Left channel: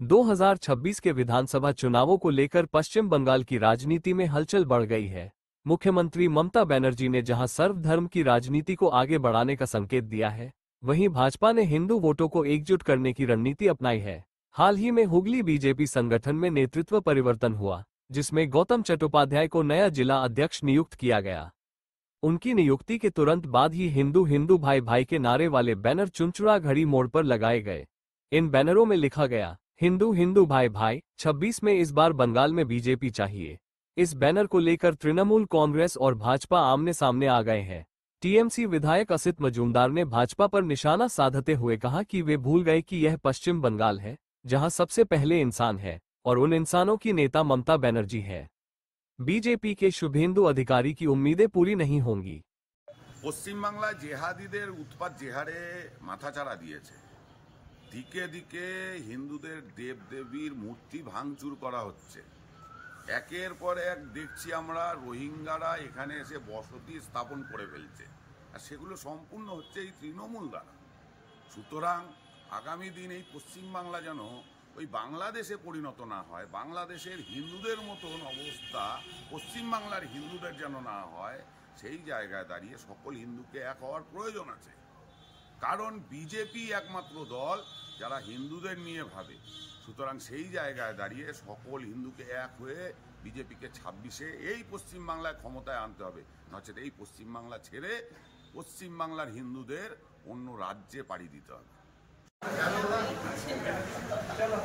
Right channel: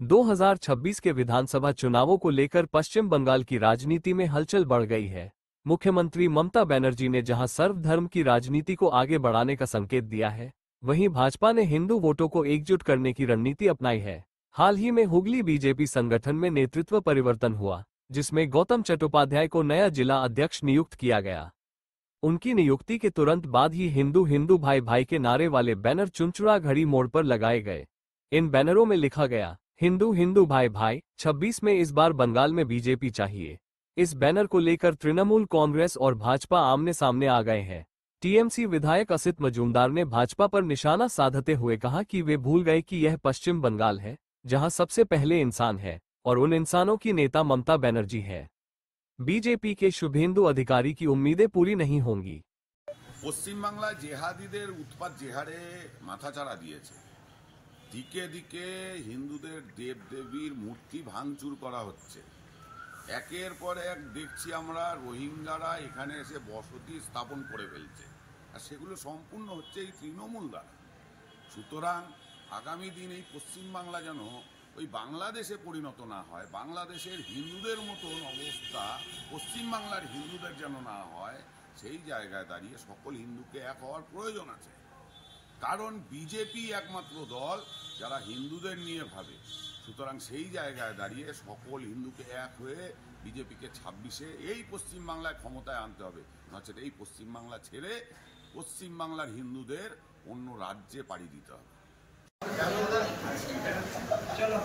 2026 के विधानसभा चुनावों को लेकर पश्चिम बंगाल की राजनीति में हलचल बढ़ गई है। मुख्यमंत्री ममता बनर्जी ने जहां सर्वधर्म की राजनीति को आगे बढ़ाने का संकेत दिया है, वहीं भाजपा ने हिंदू वोटों को एकजुट करने की रणनीति अपनाई है। हाल ही में हुगली बीजेपी संगठन में नेतृत्व परिवर्तन हुआ, जिसमें गौतम चट्टोपाध्याय को नया जिला अध्यक्ष नियुक्त किया गया। उनकी नियुक्ति के तुरंत बाद ही हिंदू हिंदू भाई भाई के नारे वाले बैनर चुनचुड़ा घड़ी मोड़ पर लगाए गए। इन बैनरों में लिखा गया, हिंदू हिंदू भाई भाई 26 में इस बार बंगाल में बीजेपी चाहिए। इस बैनर को लेकर तृणमूल कांग्रेस और भाजपा आमने सामने आ गए हैं। टीएमसी विधायक असित मजूमदार ने भाजपा पर निशाना साधते हुए कहा कि वे भूल गए कि यह पश्चिम बंगाल है, जहां सबसे पहले इंसान है और उन इंसानों की नेता ममता बनर्जी है। बीजेपी के शुभेंदु अधिकारी की उम्मीदें पूरी नहीं होंगी। पश्चिम बांगला जेहादीদের उत्पात যে হারে মাথাচাড়া দিয়েছে, দিকে দিকে হিন্দুদের দেবদেবীর মূর্তি ভাঙচুর করা হচ্ছে। একের পর এক দেখছি আমরা রোহিঙ্গারা এখানে এসে বসতি স্থাপন করে ফেলছে, আর সেগুলো সম্পূর্ণ হচ্ছে এই তৃণমূল দ্বারা। সুতরাং আগামী দিন এই পশ্চিম বাংলা যেন ওই বাংলাদেশে পরিণত না হয়, বাংলাদেশের হিন্দুদের মতন অবস্থা পশ্চিম বাংলার হিন্দুদের যেন না হয়, সেই জায়গায় দাঁড়িয়ে সকল হিন্দুকে এক হওয়ার প্রয়োজন আছে। কারণ বিজেপি একমাত্র দল যারা হিন্দুদের নিয়ে ভাবে। সুতরাং সেই জায়গায় দাঁড়িয়ে সকল হিন্দুকে এক হয়ে বিজেপিকে 26-এ এই পশ্চিম বাংলায় ক্ষমতায় আনতে হবে, নচেত এই পশ্চিম বাংলা ছেড়ে পশ্চিম বাংলার হিন্দুদের অন্য রাজ্যে পাড়ি দিতে হবে। চলো